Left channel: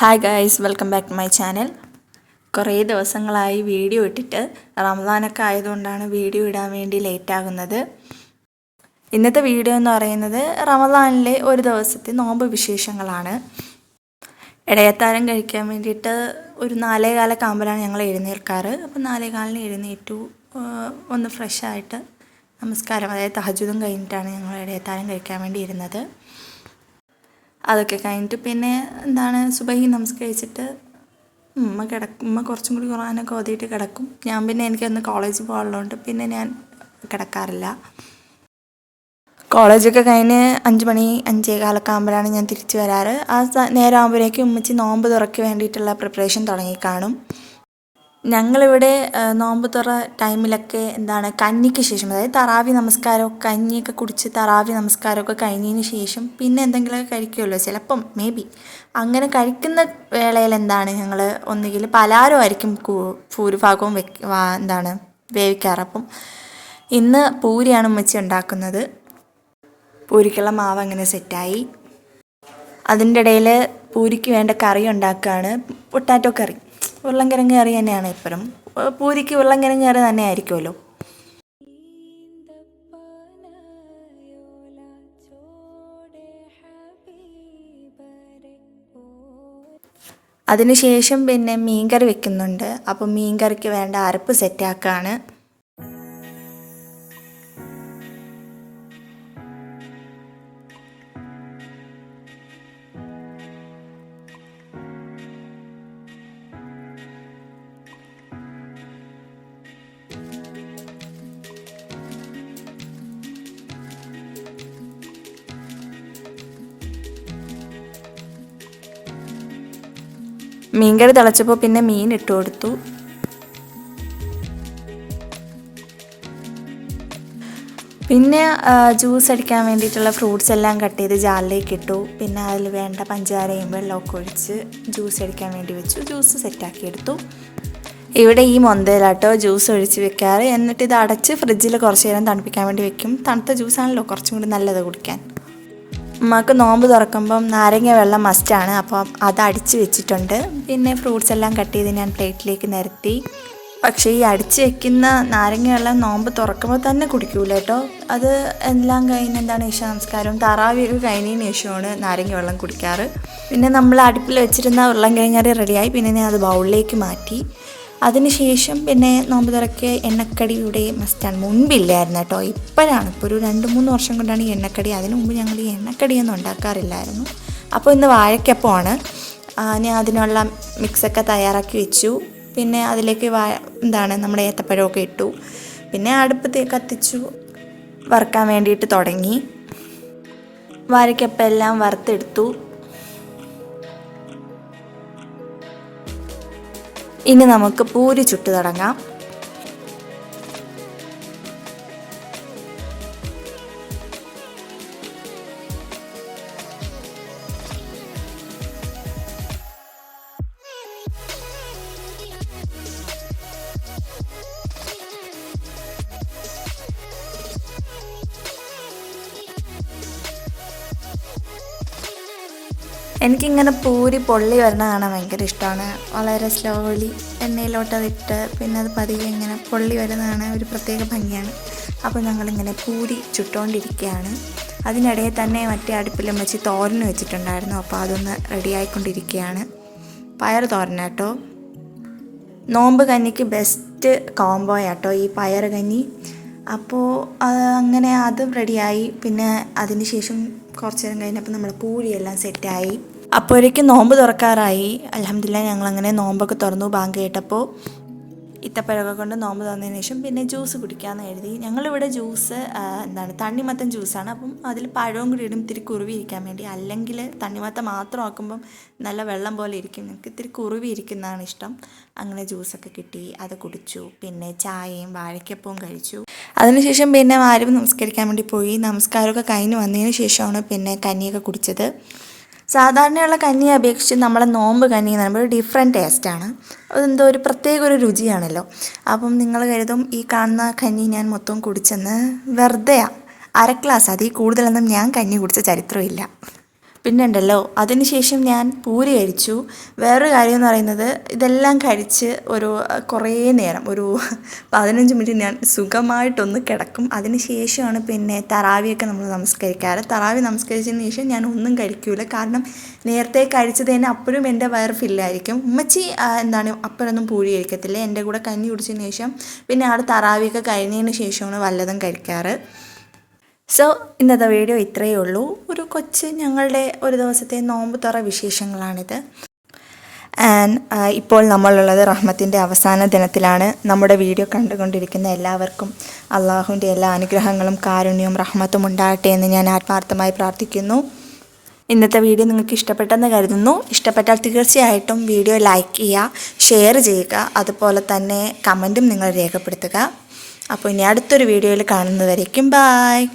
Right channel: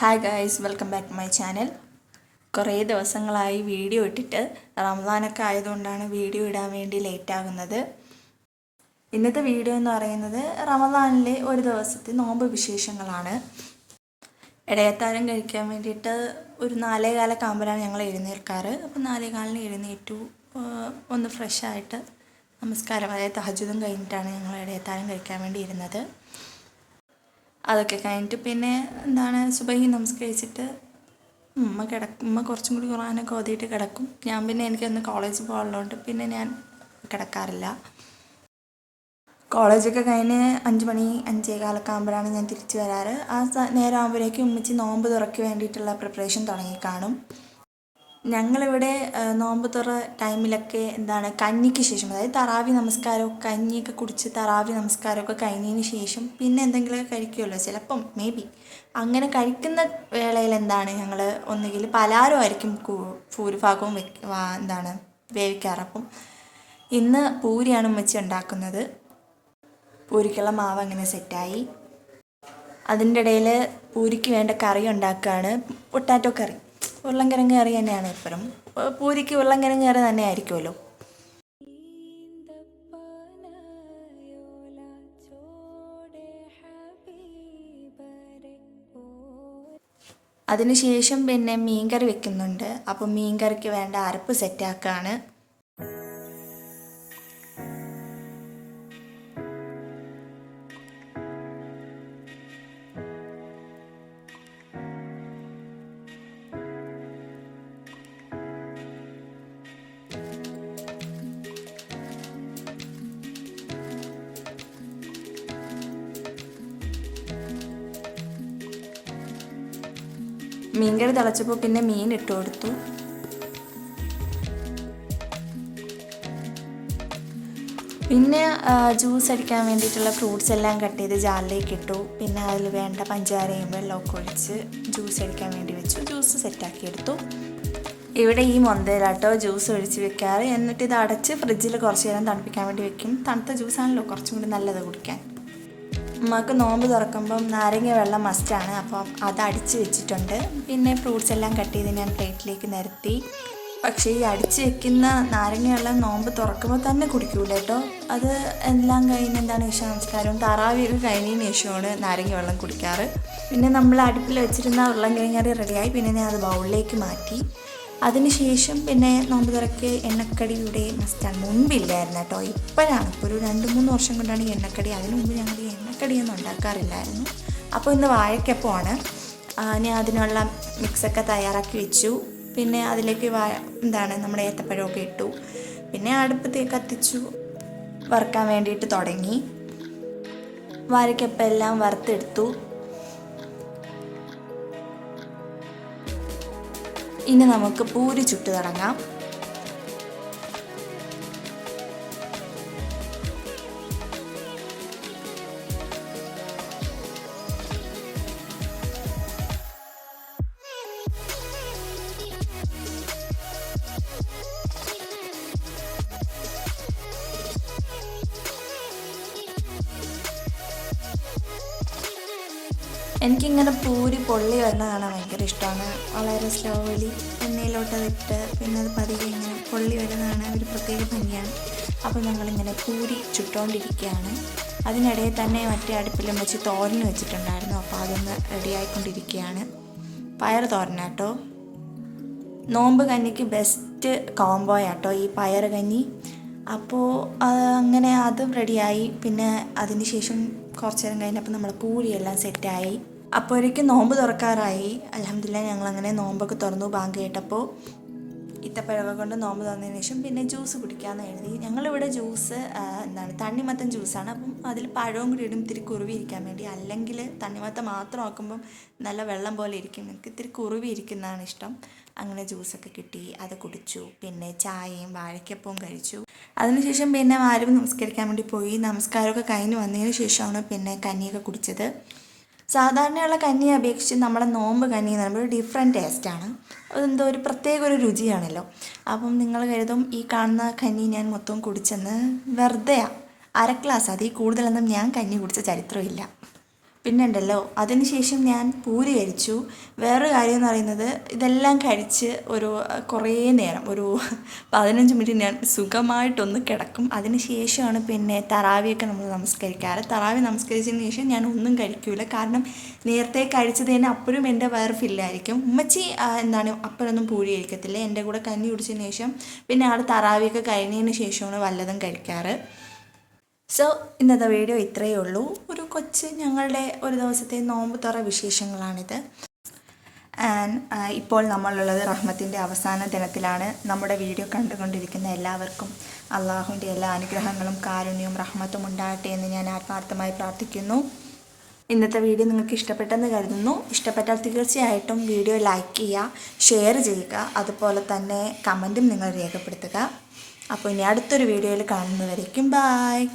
Hi guys welcome back to my channel കുറേ ദിവസങ്ങളായി video ഇട്ടിട്ട് റംസാനൊക്കെ ആയതുകൊണ്ടാണ് വീഡിയോ ഇടാൻ വേണ്ടി ലേറ്റ് ആകുന്നത്. ഇന്നത്തെ വീഡിയോ എന്ന് പറയുന്നത് റമദാനിലെ ഒരു ദിവസത്തെ നോമ്പ് വിശേഷങ്ങളാണ്. ഇടയത്താരം കഴിക്കാൻ വേണ്ടിയിട്ട് ഒരു നാലേ കാലൊക്കെ ആകുമ്പോഴാണ് ഞങ്ങൾ എഴുന്നേൽക്കാറ്. അപ്പോൾ നാലേ കാലിന് എഴുന്നേറ്റു ഒന്ന് ഫ്രഷായിട്ട് നമസ്കാരം അതായത് തഹജുദും കഴിഞ്ഞിട്ടാണ് ഞങ്ങൾ ഇടയത്താരം കഴിക്കാൻ വേണ്ടി ഇരുന്നത്. അതൊക്കെ കഴിഞ്ഞിട്ട് പിന്നെ എന്താണ് സുബഹി നമസ്കരിച്ചിട്ട് ഉമ്മ കിടക്കും ഉമ്മ കുറച്ചും കൂടി ഖുറാനൊക്കെ ഓതിയിട്ട് കിടക്കും. ഞാൻ പിന്നെ എനിക്കൊന്ന് കോളേജ് പോകാനുള്ളതുകൊണ്ട് പിന്നെ ഞാൻ കിടക്കാറില്ല. കോളേജൊക്കെ കഴിഞ്ഞ് അഞ്ച് മണി അഞ്ചേ കാലൊക്കെ ആകുമ്പോഴാണ് ഞാൻ തിരിച്ചു വരാറ്. ആ നേരം ആകുമ്പോഴേക്കും ഉമ്മച്ചി നോമ്പ് തുറക്കി വേണ്ടിയിട്ടുള്ള പ്രിപ്പറേഷൻ തുടങ്ങി കാണും. ഞങ്ങളിവിടെ നോമ്പ് തുറ ടൈമിലൊക്കെ എന്താണ് കഞ്ഞിക്ക് ശേഷം അതായത് തറാവി നമസ്കാരവും കഞ്ഞിയൊക്കെ കുടിച്ച് തറാവി നമസ്കാരമൊക്കെ കഴിഞ്ഞതിന് ശേഷം പിന്നെ എന്തെങ്കിലുമൊക്കെ കഴിക്കുമല്ലോ? ചിലപ്പം മേ ബി. അങ്ങനെ കഴിക്കുന്ന വേളയിൽ എന്താണ് ഞങ്ങൾ ഒന്നുകിൽ പലാരമായിരിക്കും ആയിരിക്കും ഭൂരിഭാഗവും വെക്ക എന്താണ് വേവിക്കാറ്. അപ്പം ഇന്ന് പൂരിയാണ് ഉമ്മച്ചി ഉണ്ടാക്കുന്നത്. പൂരിക്കുള്ള മാവ് അങ്ങനെ സെറ്റായി. അതിന്റെ ഇടയിൽ പൂരിക്ക് വേണ്ട കറി ഉണ്ടാക്കുകയാണ്. പൊട്ടാറ്റോ കറി. ഉരുളൻകിഴങ്ങ് കറി തന്നെയാണ് ഇപ്പോഴും പൂരിക്ക് ഉരുളൻകിഴങ്ങ് കറി തന്നെ ആയിരിക്കുമല്ലോ അതിനുശേഷം പിന്നെ മീൻകറി വെക്കുന്നുണ്ട്. അപ്പോൾ മീൻകറിക്ക് വേണ്ട അരപ്പ് സെറ്റാക്കാണ്. മീൻകറി തിളച്ചപ്പോൾ പിന്നെ മീൻ ഇട്ട് കൊടുത്തു. പിന്നെ ജ്യൂസ് അടിക്കാൻ വേണ്ടിയിട്ടുള്ള ഫ്രൂട്ട്സ് എല്ലാം കട്ട് ചെയ്ത് ജാറിലേക്ക് ഇട്ടു. പിന്നെ അതിൽ വേണ്ട പഞ്ചാരയും വെള്ളമൊക്കെ ഒഴിച്ച് ജ്യൂസ് അടിക്കാൻ വേണ്ടി വെച്ചു. ജ്യൂസ് സെറ്റാക്കി എടുത്തു. ഇവിടെ ഈ മൊന്തയിലാട്ടോ ജ്യൂസ് ഒഴിച്ച് വെക്കാറ്. എന്നിട്ട് ഇത് അടച്ച് ഫ്രിഡ്ജിൽ കുറച്ച് നേരം തണുപ്പിക്കാൻ വേണ്ടി വെക്കും. തണുത്ത ജ്യൂസാണല്ലോ കുറച്ചും കൂടി നല്ലത് കുടിക്കാൻ. ഉമ്മക്ക് നോമ്പ് തുറക്കുമ്പം നാരങ്ങ വെള്ളം മസ്റ്റാണ് അപ്പോൾ അത് അടിച്ച് വെച്ചിട്ടുണ്ട്. പിന്നെ ഫ്രൂട്ട്സ് എല്ലാം കട്ട് ചെയ്ത് ഞാൻ പ്ലേറ്റിലേക്ക് നിരത്തി. പക്ഷേ ഈ അടിച്ച് വെക്കുന്ന നാരങ്ങ വെള്ളം നോമ്പ് തുറക്കുമ്പോൾ തന്നെ കുടിക്കൂല കേട്ടോ. അത് എല്ലാം കഴിഞ്ഞ് എന്താണ് ഇഷ നമസ്കാരവും താറാവിയൊക്കെ കഴിഞ്ഞതിന് ശേഷമാണ് നാരങ്ങ വെള്ളം കുടിക്കാറ്. പിന്നെ നമ്മൾ അടുപ്പിൽ വെച്ചിരുന്ന ഉരുളൻ കിഴങ്ങറി റെഡിയായി പിന്നെ ഞാൻ അത് ബൗളിലേക്ക് മാറ്റി. അതിനുശേഷം പിന്നെ നോമ്പ് തുറക്ക് എണ്ണക്കടി ഇവിടെ മസ്റ്റാണ് മുൻപില്ലായിരുന്നു കേട്ടോ. ഇപ്പോഴാണ്. ഇപ്പോൾ ഒരു രണ്ട് മൂന്ന് വർഷം കൊണ്ടാണ് ഈ എണ്ണക്കടി. അതിനു മുമ്പ് ഞങ്ങൾ ഈ എണ്ണക്കടിയൊന്നും ഉണ്ടാക്കാറില്ലായിരുന്നു. അപ്പോൾ ഇന്ന് വാഴക്കപ്പമാണ്. ഞാൻ അതിനുള്ള മിക്സൊക്കെ തയ്യാറാക്കി വെച്ചു. പിന്നെ അതിലേക്ക് വാ എന്താണ് നമ്മുടെ ഏത്തപ്പഴമൊക്കെ ഇട്ടു. പിന്നെ അടുപ്പത്ത് കത്തിച്ചു. വറുക്കാൻ വേണ്ടിയിട്ട് തുടങ്ങി. വാഴക്കപ്പം എല്ലാം വറുത്തെടുത്തു. ഇനി നമുക്ക് പൂരി ചുട്ടു തുടങ്ങാം. എനിക്കിങ്ങനെ പൂരി പൊള്ളി വരണ കാണാൻ ഭയങ്കര ഇഷ്ടമാണ്. വളരെ സ്ലോലി എണ്ണയിലോട്ട് അതിട്ട് പിന്നെ അത് പതിയെ ഇങ്ങനെ പൊള്ളി വരുന്നതാണ് ഒരു പ്രത്യേക ഭംഗിയാണ്. അപ്പോൾ ഞങ്ങളിങ്ങനെ പൂരി ചുട്ടുകൊണ്ടിരിക്കുകയാണ് അതിനിടയിൽ തന്നെ മറ്റേ അടുപ്പിലും വെച്ച് തോരൻ വെച്ചിട്ടുണ്ടായിരുന്നു. അപ്പോൾ അതൊന്ന് റെഡിയായിക്കൊണ്ടിരിക്കുകയാണ് പയർ തോരനാട്ടോ നോമ്പ് കഞ്ഞിക്ക് ബെസ്റ്റ് കോംബോ ആട്ടോ ഈ പയർ കഞ്ഞി. അപ്പോൾ അങ്ങനെ അതും റെഡിയായി പിന്നെ അതിന് ശേഷം കുറച്ച് നേരം കഴിഞ്ഞപ്പോൾ നമ്മൾ പൂരിയെല്ലാം സെറ്റായി. അപ്പോഴേക്കും നോമ്പ് തുറക്കാറായി. അലഹമില്ല ഞങ്ങളങ്ങനെ നോമ്പൊക്കെ തുറന്നു ബാങ്ക് കേട്ടപ്പോൾ ഇത്തപ്പഴമൊക്കെ കൊണ്ട് നോമ്പ് തോന്നിയതിന് ശേഷം പിന്നെ ജ്യൂസ് കുടിക്കാമെന്ന് എഴുതി ഞങ്ങളിവിടെ ജ്യൂസ് എന്താണ് തണ്ണിമത്തൻ ജ്യൂസാണ്. അപ്പം അതിൽ പഴവും കൂടി ഇടും ഇത്തിരി കുറുവി ഇരിക്കാൻ വേണ്ടി. അല്ലെങ്കിൽ തണ്ണിമത്തം മാത്രം ആക്കുമ്പം നല്ല വെള്ളം പോലെ ഇരിക്കും. നമുക്ക് ഇത്തിരി കുറുവി ഇരിക്കുന്നതാണ് ഇഷ്ടം. അങ്ങനെ ജ്യൂസൊക്കെ കിട്ടി അത് കുടിച്ചു. പിന്നെ ചായയും വാഴയ്ക്കപ്പവും കഴിച്ചു. അതിനുശേഷം പിന്നെ ആരും നമസ്കരിക്കാൻ വേണ്ടി പോയി. നമസ്കാരമൊക്കെ കഴിഞ്ഞ് വന്നതിന് ശേഷമാണ് പിന്നെ കഞ്ഞിയൊക്കെ കുടിച്ചത്. സാധാരണയുള്ള കഞ്ഞിയെ അപേക്ഷിച്ച് നമ്മളെ നോമ്പ് കഞ്ഞി എന്ന് പറയുമ്പോൾ ഒരു ഡിഫറെന്റ് ടേസ്റ്റാണ് അതെന്തോ ഒരു പ്രത്യേക ഒരു രുചിയാണല്ലോ. അപ്പം നിങ്ങൾ കരുതും ഈ കാണുന്ന കഞ്ഞി ഞാൻ മൊത്തം കുടിച്ചെന്ന് വെറുതെയാണ് അര ഗ്ലാസ് അതിൽ കൂടുതലൊന്നും ഞാൻ കഞ്ഞി കുടിച്ച ചരിത്രമില്ല. പിന്നെ ഉണ്ടല്ലോ അതിനുശേഷം ഞാൻ പൂരി കഴിച്ചു. വേറൊരു കാര്യം എന്ന് പറയുന്നത് ഇതെല്ലാം കഴിച്ച് ഒരു കുറേ നേരം ഒരു പതിനഞ്ച് മിനിറ്റ് ഞാൻ സുഖമായിട്ടൊന്ന് കിടക്കും. അതിനുശേഷമാണ് പിന്നെ തറാവിയൊക്കെ നമ്മൾ നമസ്കരിക്കാറ്. തറാവി നമസ്കരിച്ചതിന് ശേഷം ഞാൻ ഒന്നും കഴിക്കൂല. കാരണം നേരത്തെ കഴിച്ചത് തന്നെ അപ്പോഴും എന്റെ വയറ് ഫില്ലായിരിക്കും. ഉമ്മച്ചി എന്താണ് അപ്പോഴൊന്നും പൂഴി കഴിക്കത്തില്ല. എന്റെ കൂടെ കഞ്ഞി കുടിച്ചതിന് ശേഷം പിന്നെ ആൾ തറാവിയൊക്കെ കഴിഞ്ഞതിന് ശേഷമാണ് വല്ലതും കഴിക്കാറ്. സോ ഇന്നത്തെ വീഡിയോ ഇത്രയേ ഉള്ളൂ. ഒരു കൊച്ച് ഞങ്ങളുടെ ഒരു ദിവസത്തെ നോമ്പ് തുറ വിശേഷങ്ങളാണിത്. ആൻഡ് ഇപ്പോൾ നമ്മളുള്ളത് റഹ്മത്തിന്റെ അവസാന ദിനത്തിലാണ്. നമ്മുടെ വീഡിയോ കണ്ടുകൊണ്ടിരിക്കുന്ന എല്ലാവർക്കും അള്ളാഹുവിന്റെ എല്ലാ അനുഗ്രഹങ്ങളും കാരുണ്യവും റഹ്മത്തും ഉണ്ടാകട്ടെ എന്ന് ഞാൻ ആത്മാർത്ഥമായി പ്രാർത്ഥിക്കുന്നു. ഇന്നത്തെ വീഡിയോ നിങ്ങൾക്ക് ഇഷ്ടപ്പെട്ടെന്ന് കരുതുന്നു. ഇഷ്ടപ്പെട്ടാൽ തീർച്ചയായിട്ടും വീഡിയോ ലൈക്ക് ചെയ്യുക ഷെയർ ചെയ്യുക അതുപോലെ തന്നെ കമന്റും നിങ്ങൾ രേഖപ്പെടുത്തുക. അപ്പോൾ ഇനി അടുത്തൊരു വീഡിയോയിൽ കാണുന്നതായിരിക്കും ബായ്